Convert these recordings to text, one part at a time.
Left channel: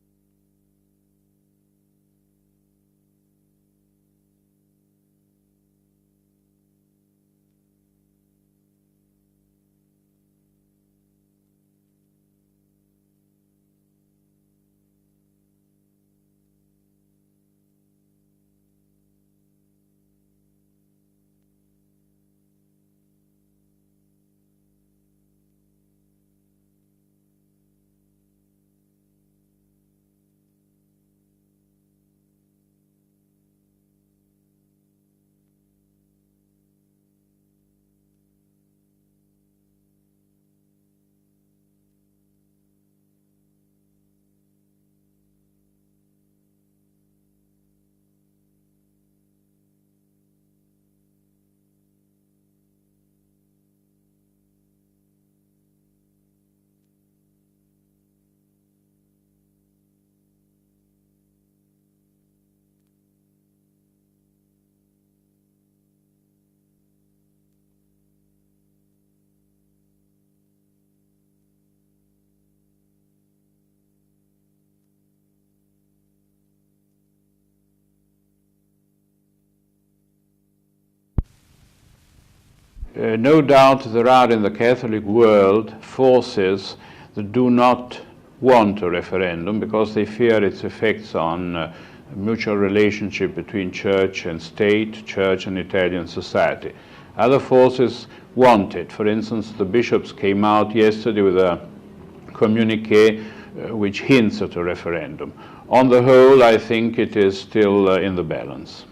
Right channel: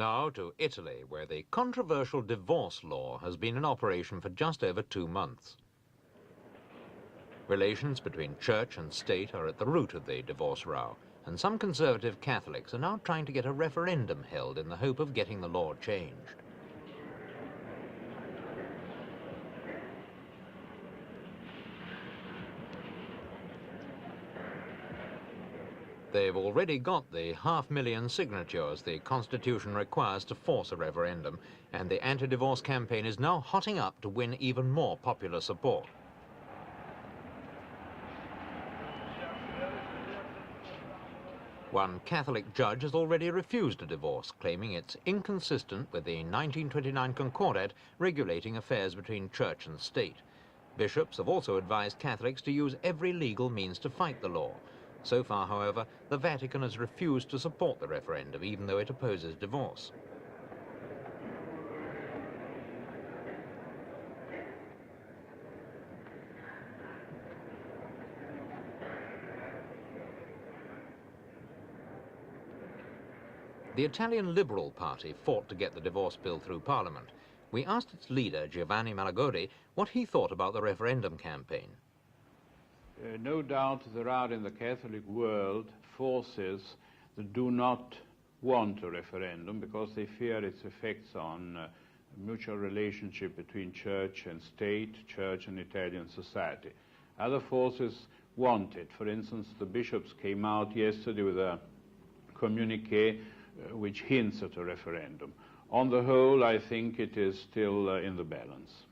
Now to Italy, where the controversial divorce law has been in operation for just over 2 months. Relations between church and state are at the root of the divorce row, and some conservative Catholics are now trying to get a referendum held in the hope of getting the law changed. They've already got the 500,000 signatures the Constitution requires to force a referendum, and the anti-divorce campaign is now hotting up to win even more popular support. One Catholic judge has already refused a divorce, claiming it's inconsistent with the 1929 Concordat regulating affairs between church and state. Bishops have also advised Catholics to use every legal means to fight the law. So far, however, the Vatican has refused to support the referendum, even though it opposes divorce. The Italian Liberal Party fought to get the divorce bill through Parliament. We asked its leader, Giovanni Malagodi, what he thought about the referendum campaign. No doubt there are in the Catholic world forces that do not want a referendum because they fear its effects on mutual relationship between church and state, church and Italian society. Other forces want it. For instance, the bishops came out yesterday with a communiqué which hints at a referendum. On the whole, I think it is still in the balance.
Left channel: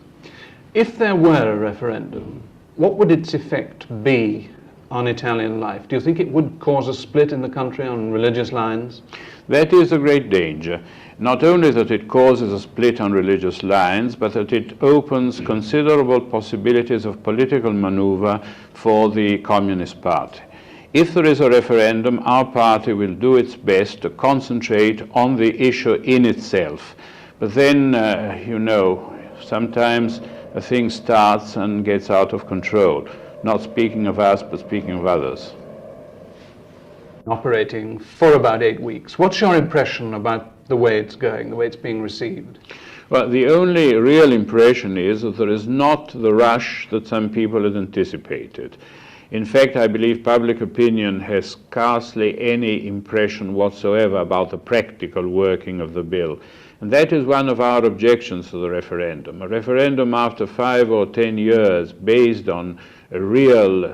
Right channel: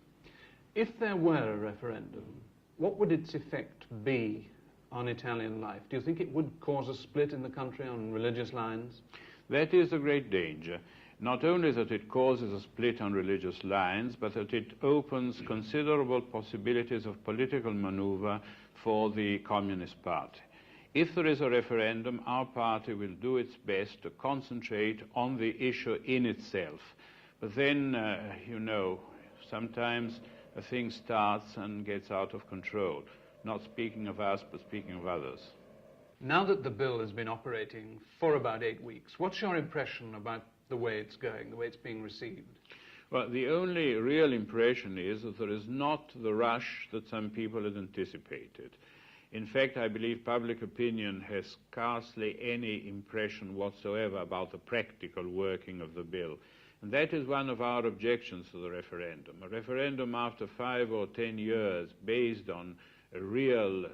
If there were a referendum, what would its effect be on Italian life? Do you think it would cause a split in the country on religious lines? That is a great danger. Not only that it causes a split on religious lines, but that it opens considerable possibilities of political maneuver for the Communist Party. If there is a referendum, our party will do its best to concentrate on the issue in itself. But then, you know, sometimes a thing starts and gets out of control. Not speaking of us, but speaking of others. Now that the bill has been operating for about 8 weeks, what's your impression about the way it's going, the way it's being received? Well, the only real impression is that there is not the rush that some people had anticipated. In fact, I believe public opinion has scarcely any impression whatsoever about the practical working of the bill. And that is one of our objections to the referendum. A referendum after 5 or 10 years based on a real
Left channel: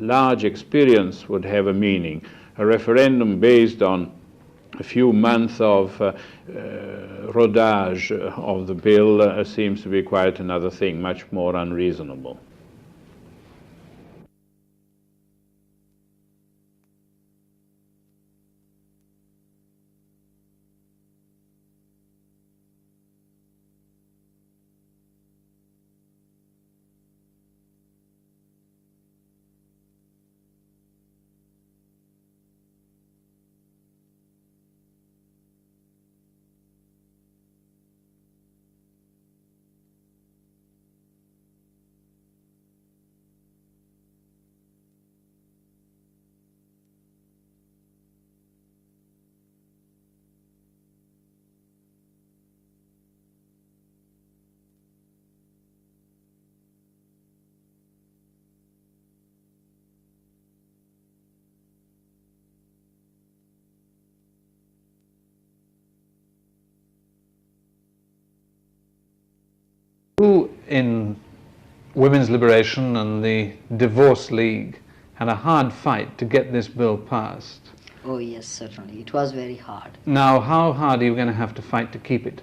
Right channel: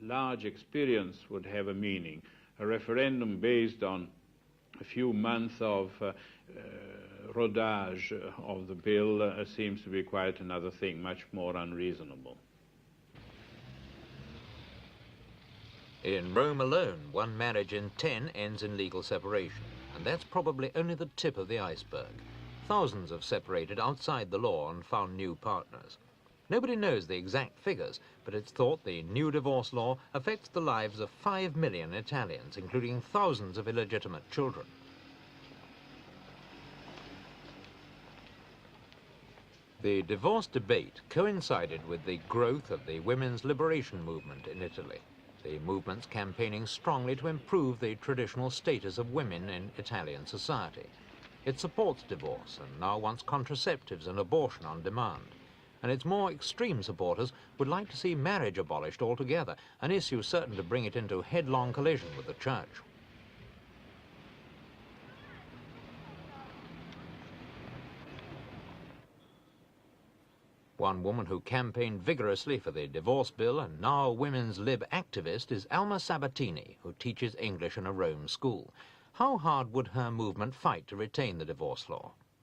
large experience would have a meaning. A referendum based on a few months of rodage of the bill seems to be quite another thing, much more unreasonable. In Rome alone, 1 marriage in 10 ends in legal separation, and that's probably only the tip of the iceberg. Thousands have separated outside the law and found new partners. Nobody knows the exact figures, but it's thought the new divorce law affects the lives of 5 million Italians, including thousands of illegitimate children. The divorce debate coincided with the growth of the women's liberation movement in Italy. The movement's campaigning strongly to improve the traditional status of women in Italian society. It supports divorce and now wants contraceptives and abortion on demand. And its more extreme supporters would like to see marriage abolished altogether, an issue certain to bring it into headlong collision with the church. Who in women's liberation and the Divorce League had a hard fight to get this bill passed. Oh yes, certainly. It was very hard. Now, how hard are you going to have to fight to keep it?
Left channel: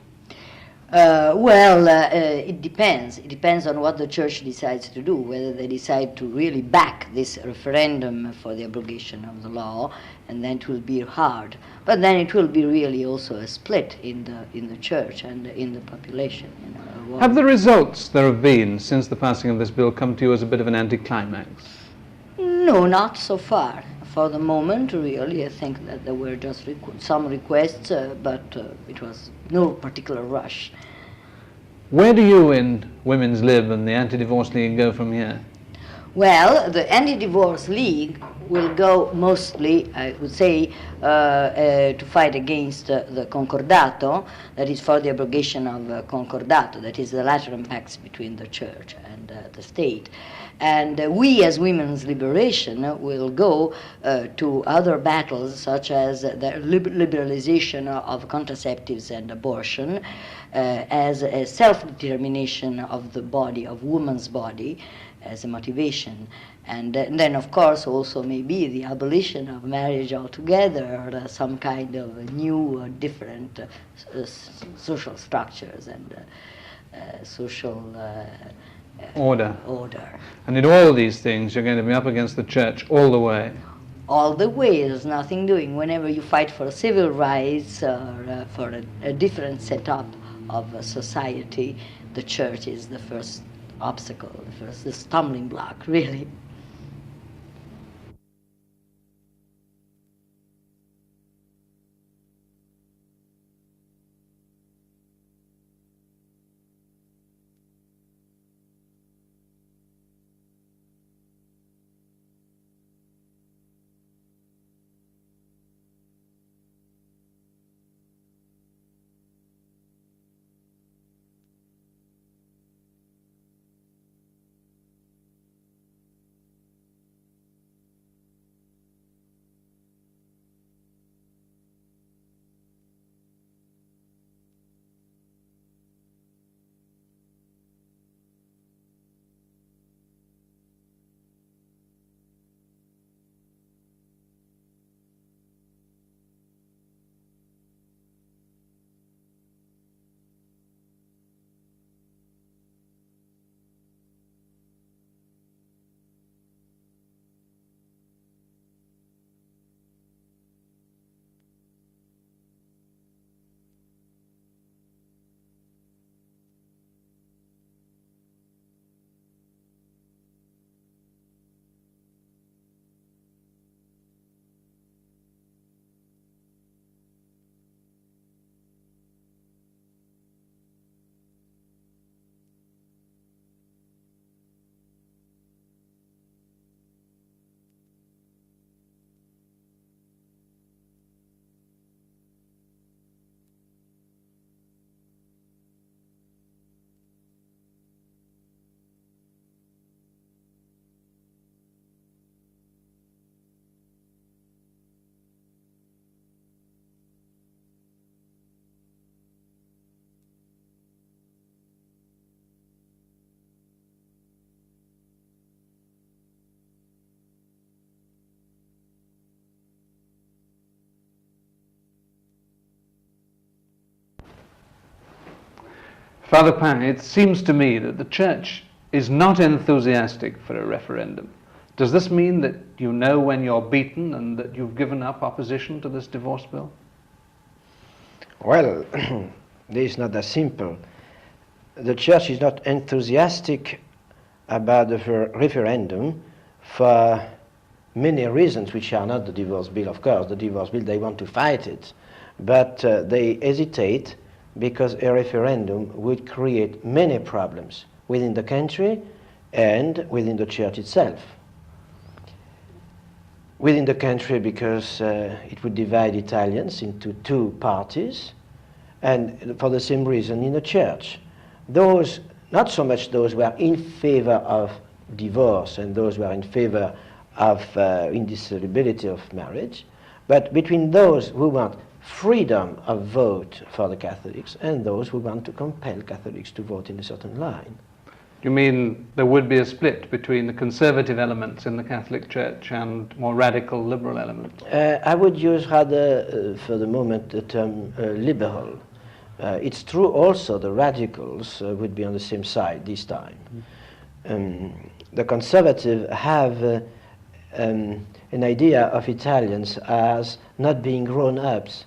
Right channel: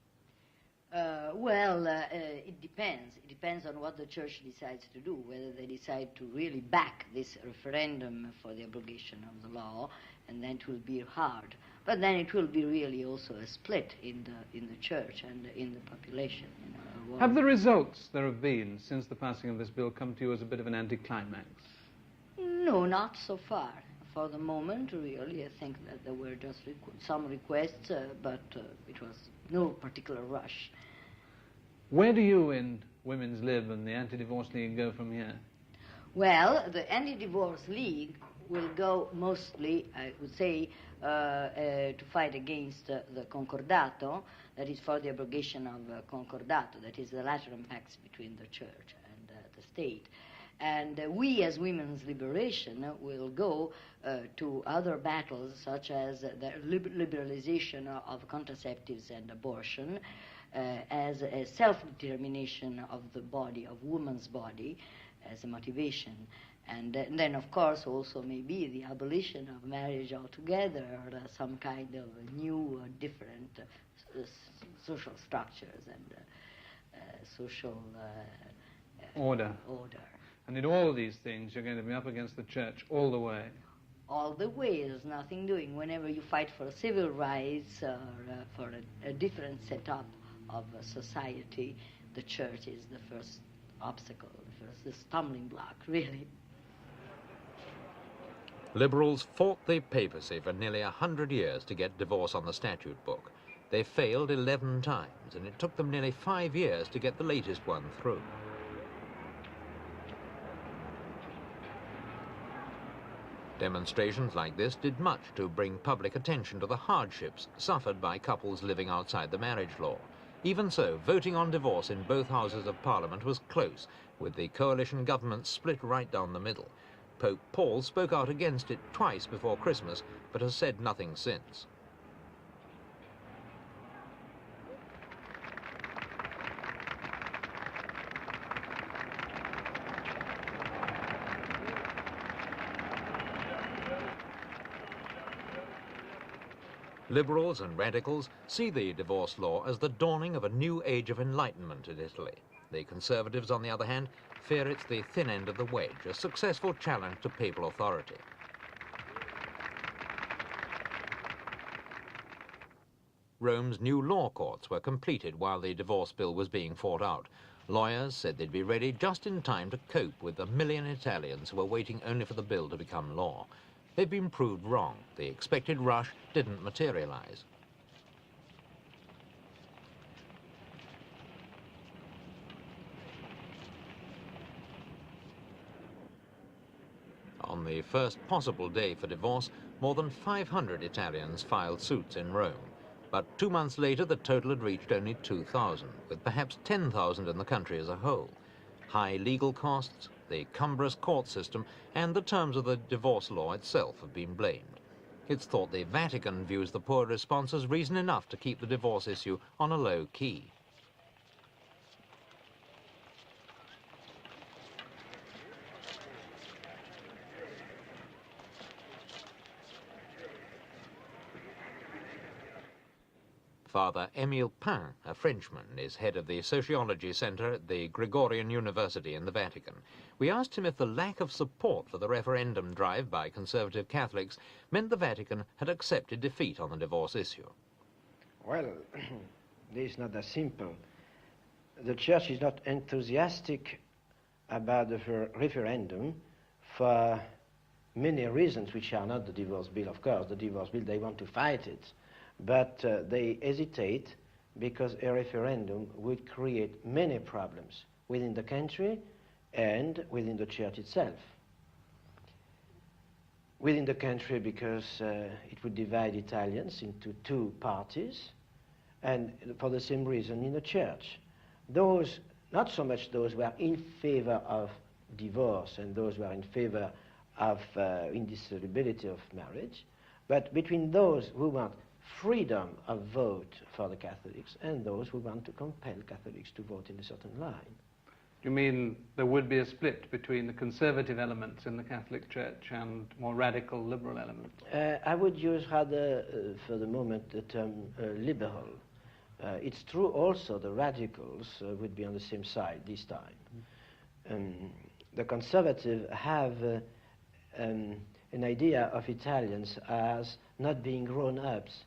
It depends. It depends on what the church decides to do, whether they decide to really back this referendum for the abrogation of the law, and then it will be hard. But then it will be really also a split in the church and in the population. You know, have the results there have been since the passing of this bill come to you as a bit of an anticlimax? No, not so far. For the moment, really, I think that there were just some requests, but it was no particular rush. Where do you in Women's Lib and the Anti-Divorce League go from here? Well, the Anti-Divorce League will go mostly, I would say, to fight against the Concordato, that is for the abrogation of Concordato, that is the Lateran Pacts between the Church and the State. And we, as Women's Liberation, will go to other battles, such as the liberalization of contraceptives and abortion, as a self-determination of the body, of woman's body, as a motivation. And then, of course, also maybe the abolition of marriage altogether, or some kind of a new, different social structures and social order. order. And in all these things, you're going to be up against the church all the way. All the way, there's nothing doing. Whenever you fight for civil rights or for a different setup of society, the church is the first obstacle, the stumbling block, really. Liberals fought the papacy for nearly 100 years to get divorce on the Statute Book. They failed 11 times, and it took them nearly 5 years to get the latest one through. Demonstrations like this did much to bring public attention to the hardships suffered by couples living outside the marriage law. Even so, voting on divorce in both houses of Parliament was close, with the coalition government split right down the middle. Pope Paul spoke out against it twice before Christmas, but has said nothing since. Liberals and radicals see the divorce law as the dawning of a new age of enlightenment in Italy. The Conservatives, on the other hand, fear it's the thin end of the wedge, a successful challenge to papal authority. Rome's new law courts were completed while the divorce bill was being fought out. Lawyers said they'd be ready just in time to cope with the million Italians who were waiting only for the bill to become law. They've been proved wrong. The expected rush didn't materialize. On the first possible day for divorce, more than 500 Italians filed suits in Rome. But 2 months later, the total had reached only 2,000, with perhaps 10,000 in the country as a whole. High legal costs, the cumbrous court system, and the terms of the divorce law itself have been blamed. It's thought the Vatican views the poor response as reason enough to keep the divorce issue on a low key. Father Emil, a Frenchman, is head of the Father Pin, it seems to me that the Gregorian church University. is not enthusiastic We asked for him a if the lack referendum. of support Does this for the mean that referendum you drive know by when you're conservative beaten Catholics and that you've meant given the up Vatican opposition had to this accepted divorce defeat bill? on the divorce issue? Well, this is not that simple. The church is not enthusiastic about the referendum for many reasons, which are not the divorce bill, of course. The divorce bill, they want to fight it. But they hesitate because a referendum would create many problems within the country and within the church itself. Within the country because it would divide Italians into two parties, and for the same reason in the church. Those, not so much those who are in favor of divorce and those who are in favor of indissolubility of marriage, but between those who want freedom of vote for the Catholics and those who want to compel Catholics to vote in a certain line. You mean there would be a split between the conservative elements in the Catholic Church and more radical liberal elements? I would use rather, for the moment, the term liberal. It's true also the radicals would be on the same side this time. The conservatives have an idea of Italians as not being grown-ups,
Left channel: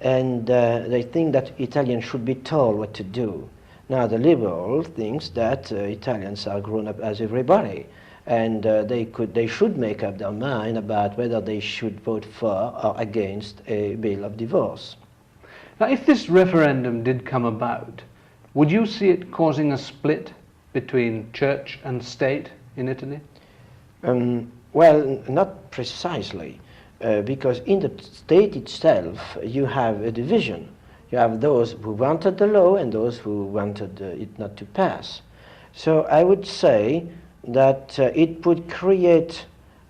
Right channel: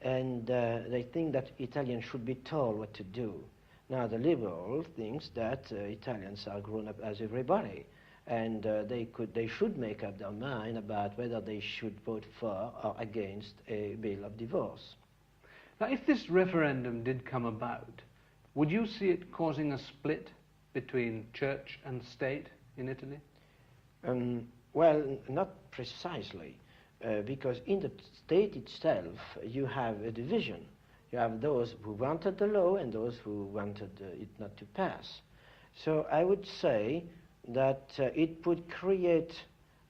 and they think that Italians should be told what to do. Now the liberal thinks that Italians are grown up as everybody, and they should make up their mind about whether they should vote for or against a bill of divorce. Now, if this referendum did come about, would you see it causing a split between church and state in Italy? Well, not precisely, because in the state itself you have a division. You have those who wanted the law and those who wanted it not to pass. So I would say that it would create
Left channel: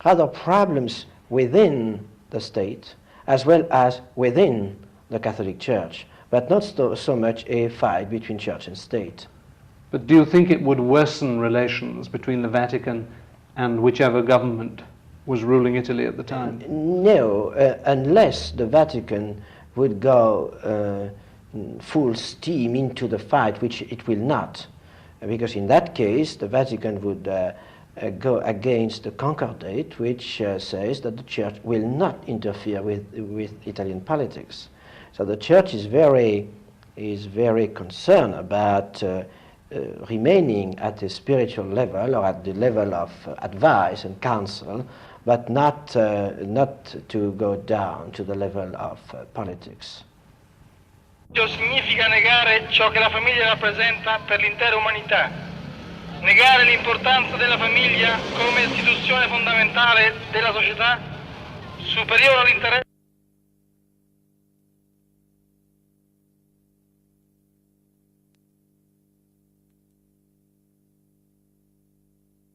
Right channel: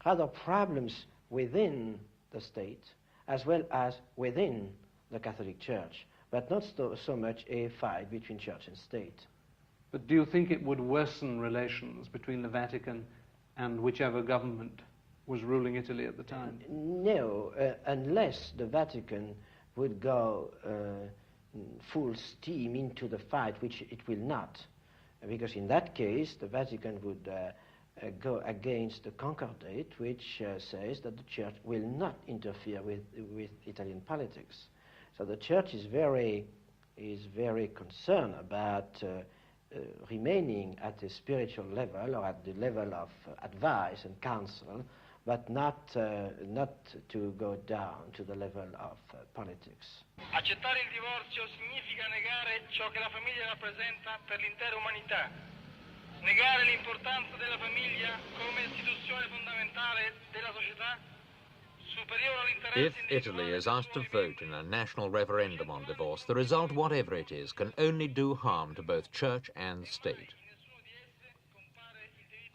other problems within the state as well as within the Catholic Church, but not so much a fight between church and state. But do you think it would worsen relations between the Vatican and whichever government was ruling Italy at the time? No, unless the Vatican would go full steam into the fight, which it will not, because in that case the Vatican would go against the Concordat, which says that the Church will not interfere with Italian politics. So the Church is very concerned about remaining at a spiritual level or at the level of advice and counsel, but not to go down to the level of politics. Accettare il divorzio significa negare ciò che la famiglia rappresenta per l'intera umanità, negare l'importanza della famiglia come istituzione fondamentale della società, superiore all'interesse. If Italy is asked to vote in a national referendum on divorce, the result, whatever it is, can only do harm to both church and state.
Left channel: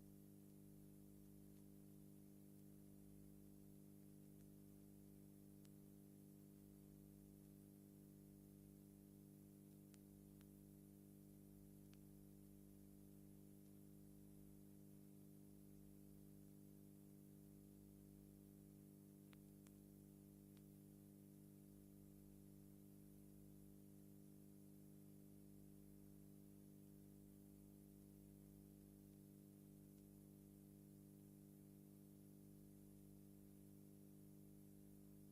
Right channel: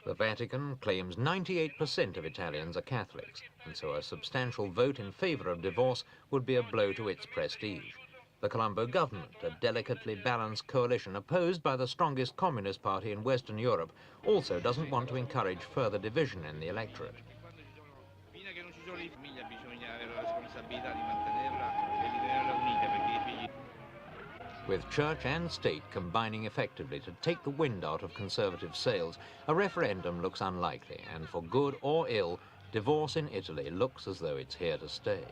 The Vatican claims 98% of Italians are Catholics, and so a substantial vote in favor of divorce would be a blow to its prestige. The Colombo government, a delicately balanced coalition opposed by the strongest communist party in Western Europe, also doesn't want to encourage further division in the electorate. With church and state combining effectively to take the wind out of conservative sails, a referendum looks unlikely, and for good or ill, divorce in Italy looks as though it's here to stay.